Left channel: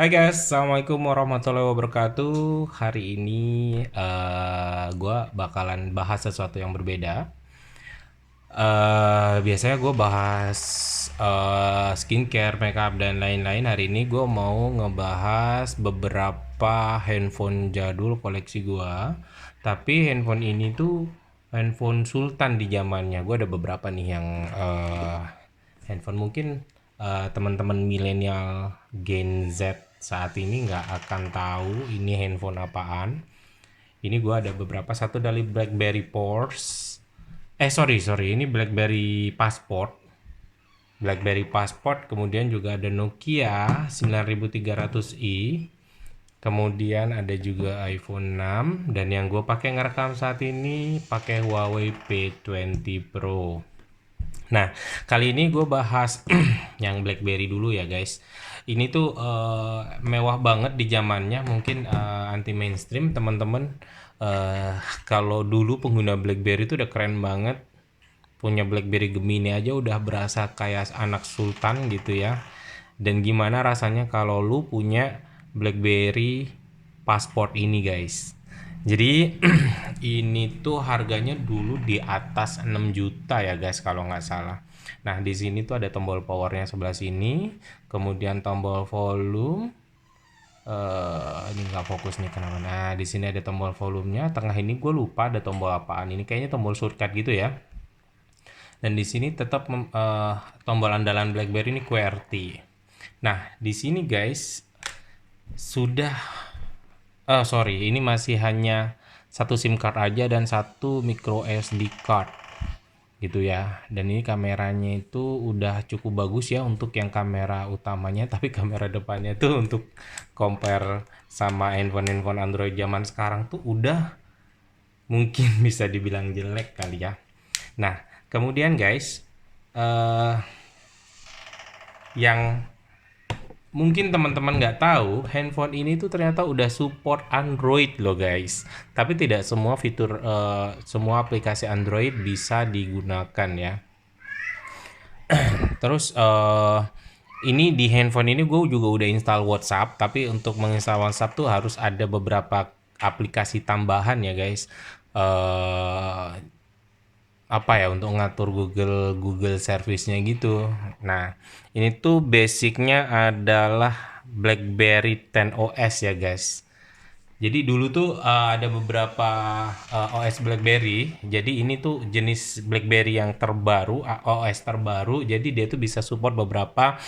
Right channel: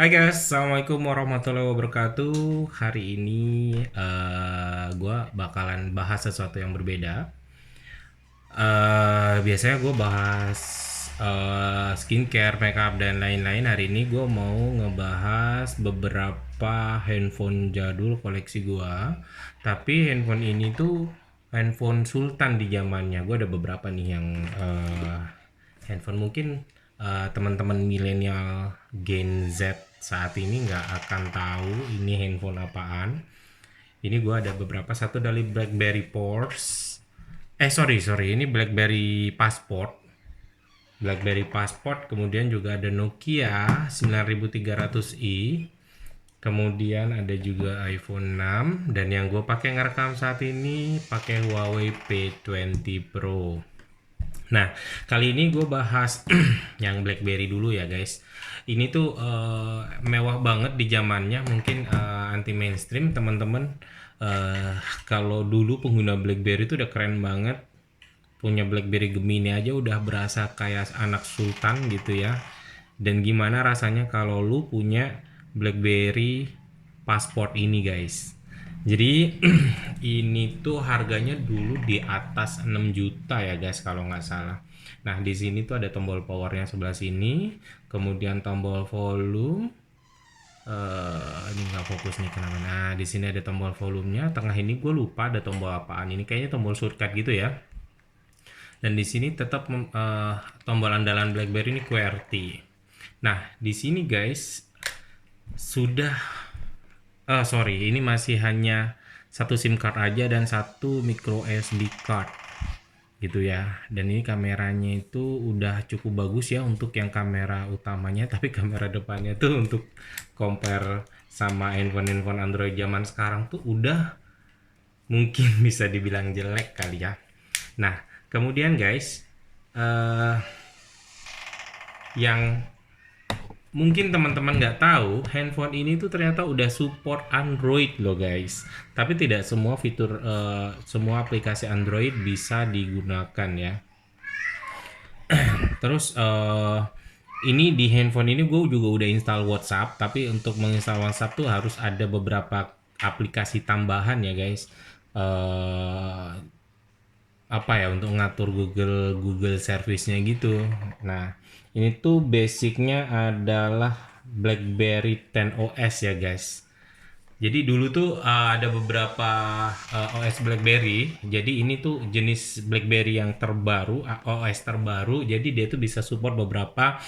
Hai guys, assalamualaikum warahmatullahi wabarakatuh. Hari ini gue bakalan bahas sesuatu yang berbeda. Biasanya gue bahas skincare, makeup dan lain-lain. Hari ini gue mau ngebahas beberapa handphone jadul koleksi gue. Tapi handphone ini tuh handphone sultan di zamannya. Gue ada beberapa nih yang handphone mungkin teman-teman milenial Gen Z saat ini nggak akan tahu ini handphone apaan. Ini gue ada beberapa, satu dari BlackBerry Force. Sorry, ini BlackBerry Passport. BlackBerry Passport, kemudian juga ada Nokia 9300i. Kemudian ada juga iPhone 6 dan yang gue pakai ngerekam saat ini pakai Huawei P20 Pro. Nah, kali ini gue bahas yang BlackBerry dulu ya guys. Ini tuh mewah banget di zamannya, mungkin anti mainstream teman-teman. Kalau dulu pengguna BlackBerry itu udah keren banget. Punya BlackBerry Gemini aja udah berasa kayak anak sultan gitu ya. Dan gimana rasanya kalau lu punya BlackBerry Passport ini guys. Jadi ini tuh harganya dulu di atas 6 juta ya guys kalau nggak salah. Nah di sini tuh ada tombol powernya sebelah sini, kemudian tombol volume. Ini nggak fokus nih kenapa? Nah di sini ada tombol volumenya. Tengah ini gue lupa ada tombol apaan. Ini kayaknya tombol shortcut gitu ya. Dan di sini tetap tombol andalan BlackBerry ini QWERTY. Nah di sini guys sudah sorry, ini masih hanya satu SIM card aja dan satu micro SD card gitu ya. Dan ini kameranya itu udah cukup bagus ya untuk yang kamera utamanya, tapi kamera depannya tuh untuk compare sama handphone Android zaman sekarang tuh udah mungkin bisa dibilang jelek kali ya. Nah, kemudian guys, eh yang mungkin teman-teman nggak tahu, handphone ini tuh ternyata udah support Android loh guys. Tapi tidak semua fitur, semua aplikasi Android bisa digunakan ya. Terus ini di handphone ini gue juga udah install WhatsApp. Tapi untuk menginstal WhatsApp tuh harus ada beberapa aplikasi tambahan ya guys. eh Apa ya, untuk ngatur Google service-nya gitu. Nah, ini tuh basicnya adalah BlackBerry 10 OS ya guys. Jadi dulu tuh ada beberapa OS BlackBerry. Jadi ini tuh jenis BlackBerry yang terbaru, OS terbaru. Jadi dia tuh bisa support beberapa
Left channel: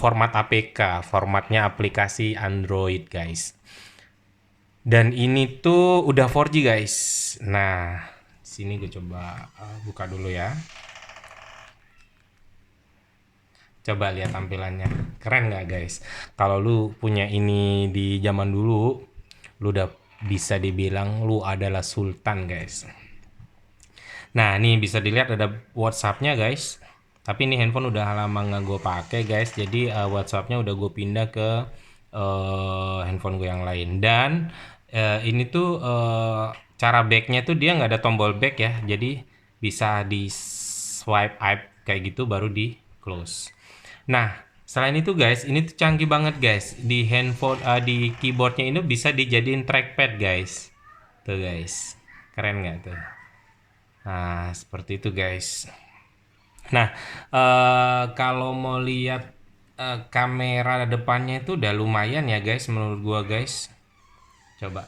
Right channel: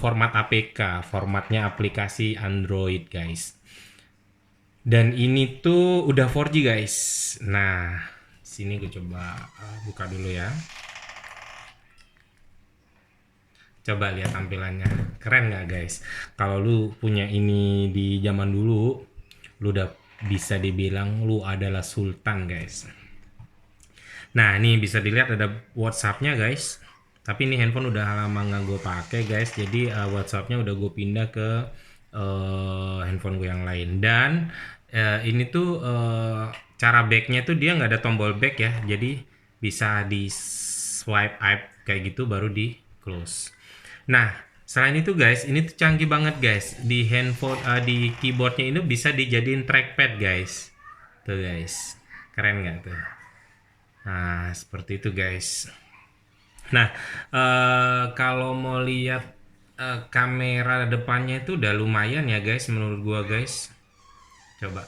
format APK, formatnya aplikasi Android guys. Dan ini tuh udah 4G guys. Nah, sini gue coba buka dulu ya. Coba lihat tampilannya. Keren nggak guys? Kalau lu punya ini di zaman dulu, lu udah bisa dibilang lu adalah sultan guys. Nah, ini bisa dilihat ada WhatsApp-nya guys. Tapi ini handphone udah lama nggak gue pakai guys. Jadi WhatsApp-nya udah gue pindah ke handphone gue yang lain. Dan ini tuh cara back-nya tuh dia nggak ada tombol back ya. Jadi bisa di swipe up kayak gitu baru di close. Nah, selain itu guys, ini tuh canggih banget guys. Di handphone, di keyboardnya ini bisa dijadiin trackpad guys. Tuh guys, keren nggak tuh? Nah, seperti itu guys. Nah, kalau mau lihat kamera depannya itu udah lumayan ya guys, menurut gua guys. Coba,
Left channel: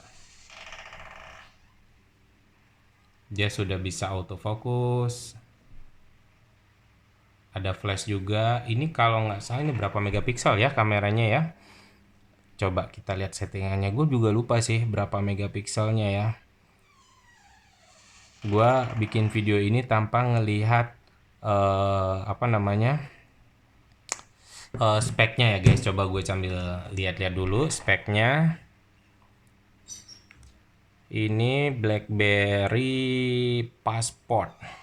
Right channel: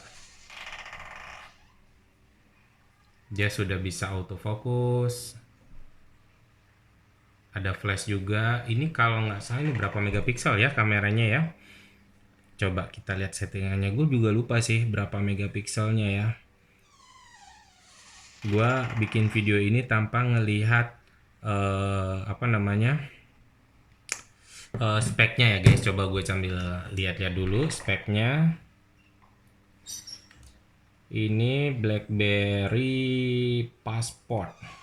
dia sudah bisa autofocus. Ada flash juga. Ini kalau nggak salah ini berapa megapiksel ya kameranya ya? Coba kita lihat settingannya. Gue juga lupa sih berapa megapikselnya ya. Gue bikin video ini tanpa ngelihat apa namanya speknya ya guys. Coba gue sambil lihat ya dulu speknya. Ini BlackBerry Passport.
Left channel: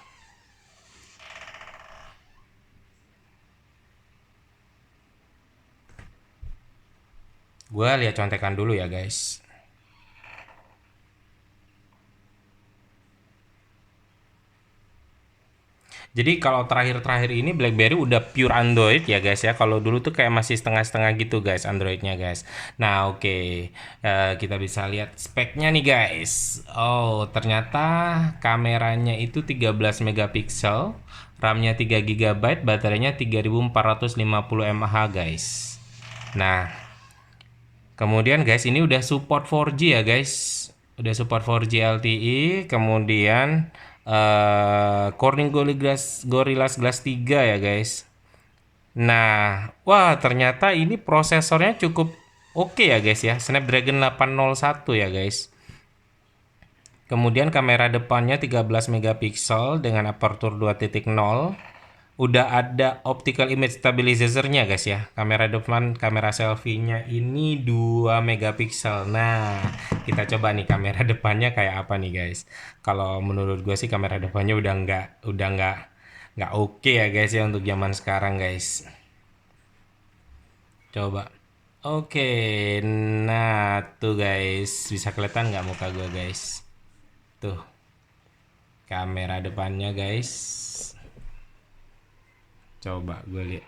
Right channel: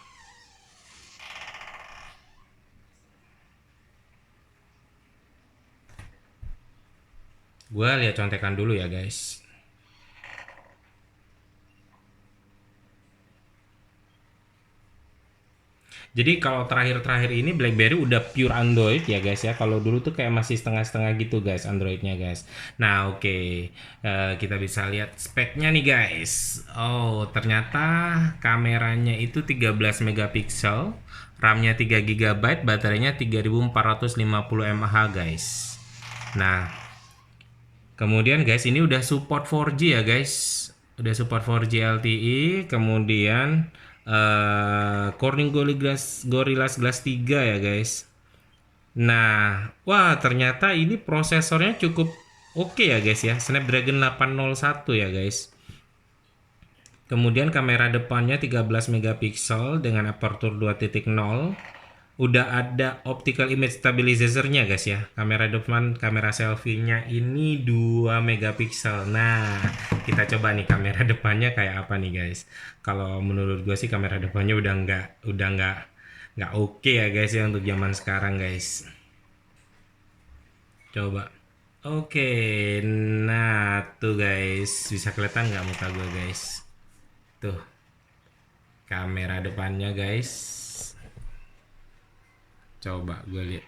Gue lihat contekan dulu ya guys. Jadi kalau terakhir-terakhir ini BlackBerry udah pure Android ya guys ya. Kalau dulu tuh kayak masih setengah-setengah gitu guys Androidnya guys. Nah oke. Kita bisa lihat speknya nih guys. Oh ternyata kameranya itu 13 megapiksel, RAM-nya 3 GB, baterainya 3450 mAh guys. Nah kemudian guys ini udah support 4G ya guys. Udah support 4G LTE, kemudian Corning Gorilla Glass 3 ya guys. Nah, wah ternyata ini prosesornya cukup oke ya guys ya. Snapdragon 801 ya guys. Kemudian kamera depannya 13 megapiksel dengan aperture 2.0. Udah ada optical image stabilizer-nya guys ya. Kamera depan, kamera selfie-nya ini 2 megapiksel. Nah, kita coba nih kamera depannya kayak apa nih guys. Kalau menurut gue sih kamera depannya udah nggak oke ya guys ya untuk zaman sekarang guys. Coba. Oke, nah tuh guys, bisa kelihatan nggak muka gue guys? Tuh, kamera depannya guys. Coba gue lihat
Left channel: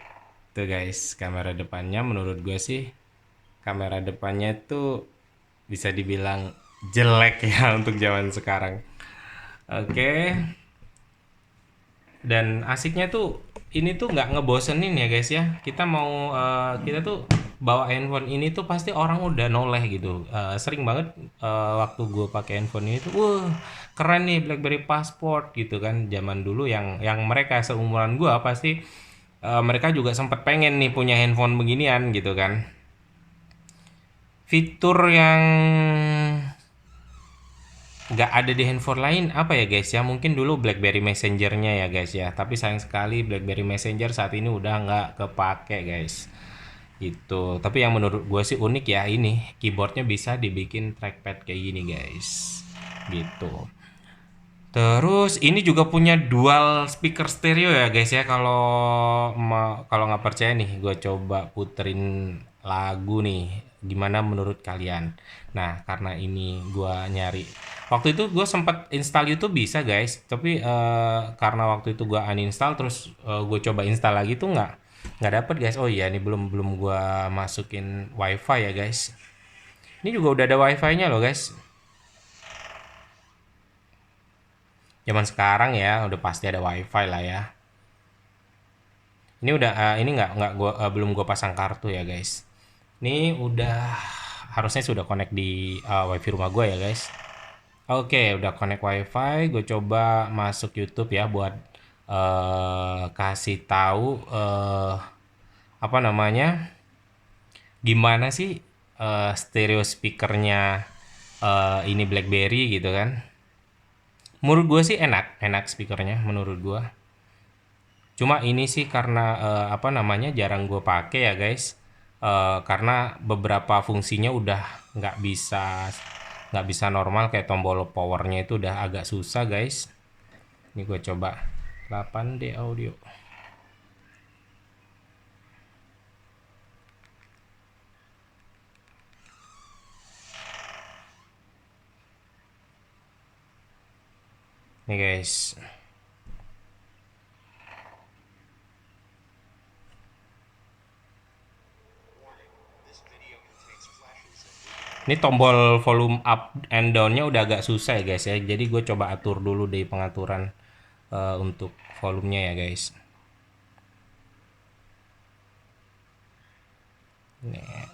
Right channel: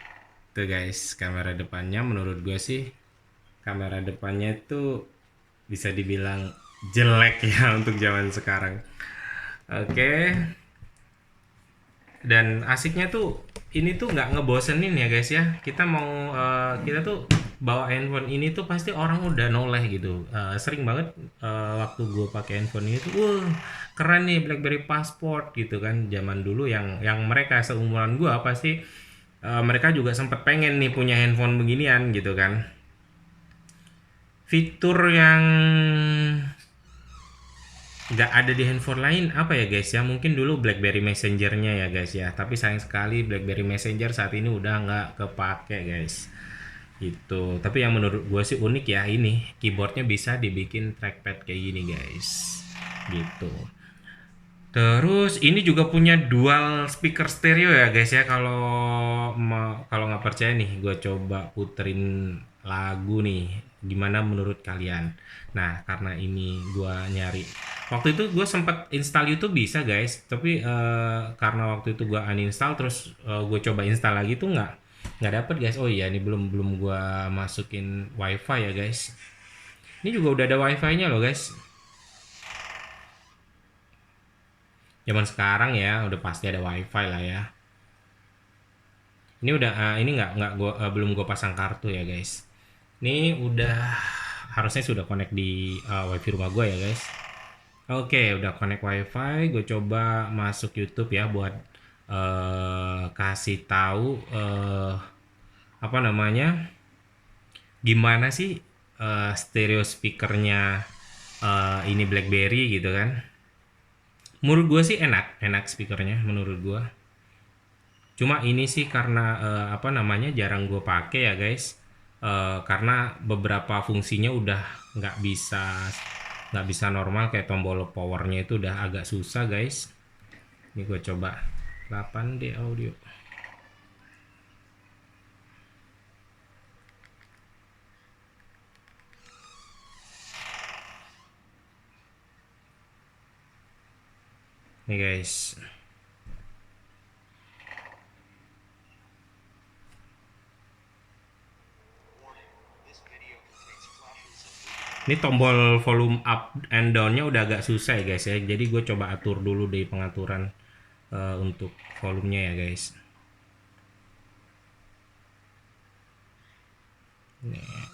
tuh guys, kamera depannya menurut gue sih kamera depannya itu bisa dibilang jelek ya untuk zaman sekarang. Oke. Dan asiknya tuh ini tuh nggak ngebosenin ya guys ya. Kita mau kita tuh bawa handphone ini tuh pasti orang udah noleh gitu. Sering banget waktu gue pakai handphone ini tuh, wah keren nih BlackBerry Passport gitu kan. Zaman dulu yang mereka seumuran gue pasti mereka juga sempat pengen nih punya handphone beginian gitu kan. Fitur yang nggak ada di handphone lain apa ya guys ya, mungkin dulu BlackBerry Messenger-nya ya guys ya, tapi sayang sekali BlackBerry Messenger saat ini udah nggak kepake guys gitu. Tapi yang menurut gue sih unik ya, ini keyboardnya bisa dibikin trackpad kayak gini guys gitu. Terus ini juga punya dual speaker stereo ya guys ya. Kalau nggak percaya nih, gue coba puterin lagu nih. Gimana menurut kalian? Nah, karena ini gue nyari. Waktu itu gue sempat install YouTube bisa guys, tapi karena waktu itu gue uninstall, terus gue coba install lagi tuh nggak dapet guys. Oh iya, ini belum gue masukin WiFi ya guys. Ini juga udah ada WiFi-nya loh guys. Zaman sekarang ya udah pasti ada WiFi lah ya. Ini udah ini nggak gua belum gua pasang kartu ya guys. Ini udah harusnya sudah connect di WiFi rumah gua ya guys. Oke, udah connect WiFi. Gue coba masuk YouTube ya buat kasih tahu apa namanya, gimana sih stereo speakernya ini BlackBerry gitu kan. Menurut gue sih enak speakernya menurut gue. Cuma ini sih karena apa namanya jarang gue pakai ya guys. Karena beberapa fungsinya udah nggak bisa normal, kayak tombol powernya itu udah agak susah guys. Ini gue coba 8D audio. Nih guys. Ini tombol volume up and down-nya udah agak susah ya guys ya. Jadi gue coba atur dulu di pengaturan untuk volumenya ya guys.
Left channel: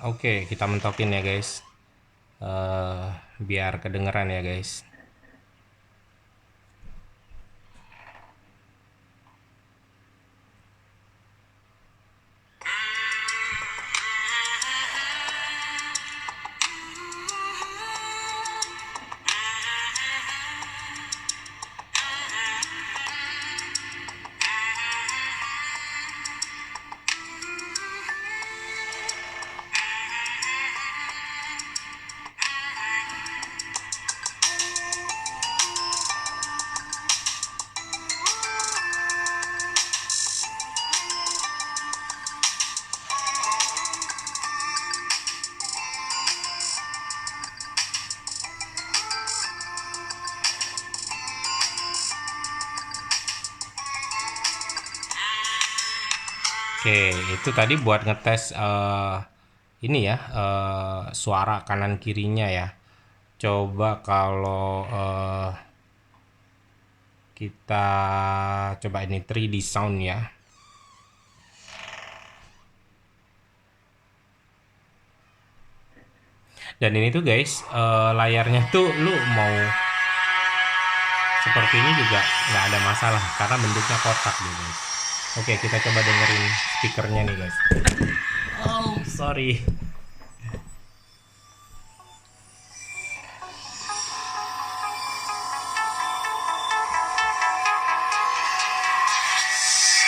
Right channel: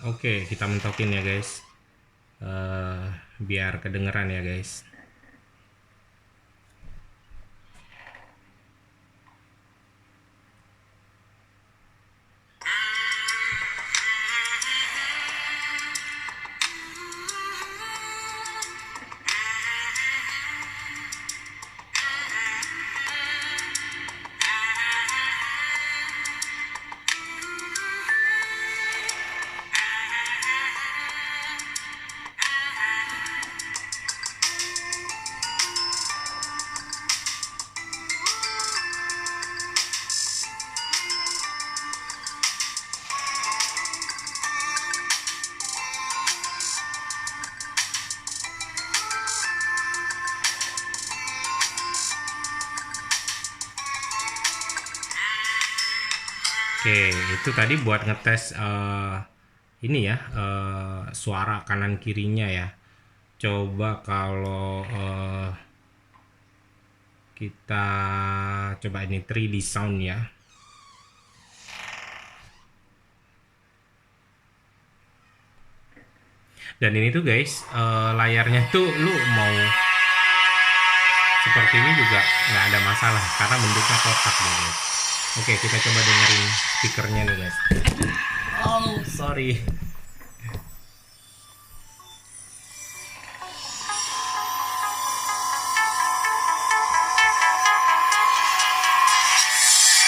Oke, kita mentokin ya guys. Biar kedengeran ya guys. Oke, itu tadi buat ngetes ini ya, suara kanan kirinya ya. Coba kalau kita coba ini 3D sound ya. Dan ini tuh guys, layarnya tuh lu mau seperti ini juga nggak ada masalah karena bentuknya kotak gitu. Oke, kita coba dengerin speakernya nih guys. Oh, sorry.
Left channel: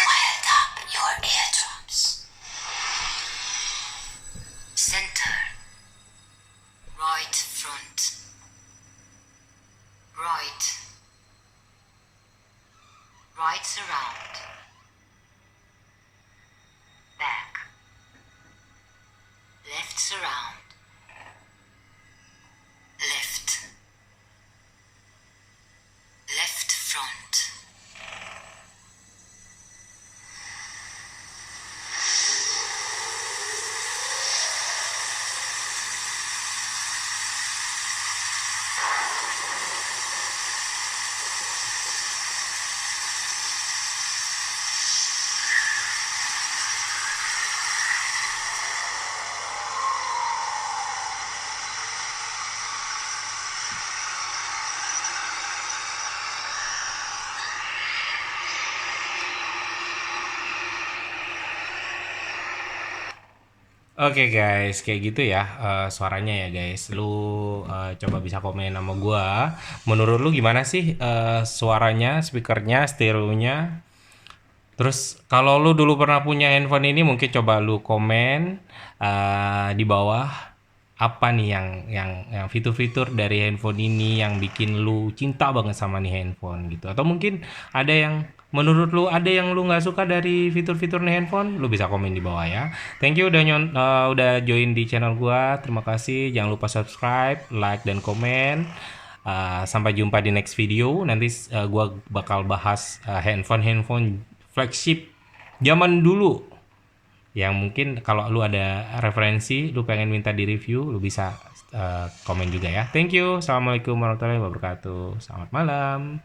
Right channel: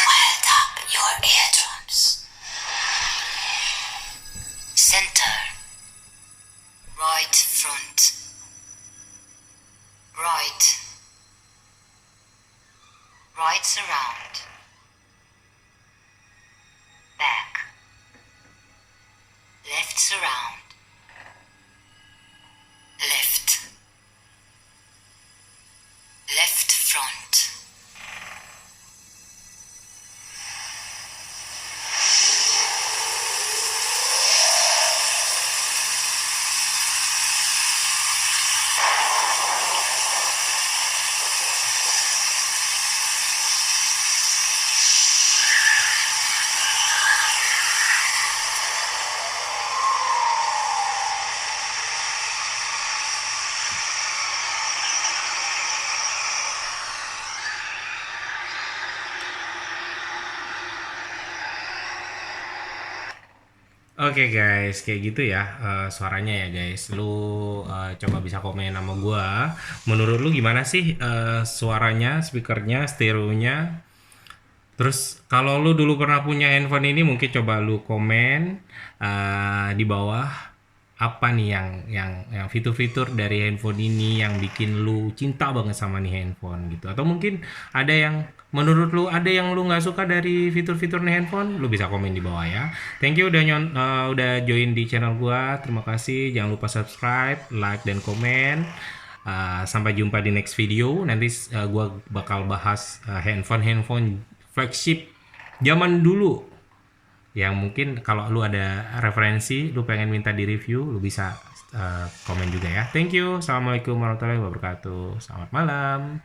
Wild up your eardrums. Center. Right front. Right. Right surround. Back. Left surround. Left. Left front. Oke guys, kayak gitu ya suaranya ya guys. Lu coba bisa komen sama gua. Menurut lu gimana sih suaranya, speakernya, stereonya? Terus kalau lu dulu pernah punya handphone ini mungkin coba lu komen di bawah apa nih yang fitur-fitur dari handphone ini yang bikin lu cinta banget sama nih handphone gitu. Atau mungkin ada yang menurut lu ada yang lu nggak suka dari fitur-fitur nih handphone, lu bisa komen di bawah ya. Thank you udah join di channel gua. Terima kasih. Jangan lupa subscribe, like dan komen. Sampai jumpa di next video. Nanti gua bakal bahas handphone flagship zaman dulu yang mungkin kalau lu ada referensi, lu pengen minta di review, lu bisa komen juga ya. Thank you. Assalamualaikum warahmatullahi wabarakatuh. Selamat malam.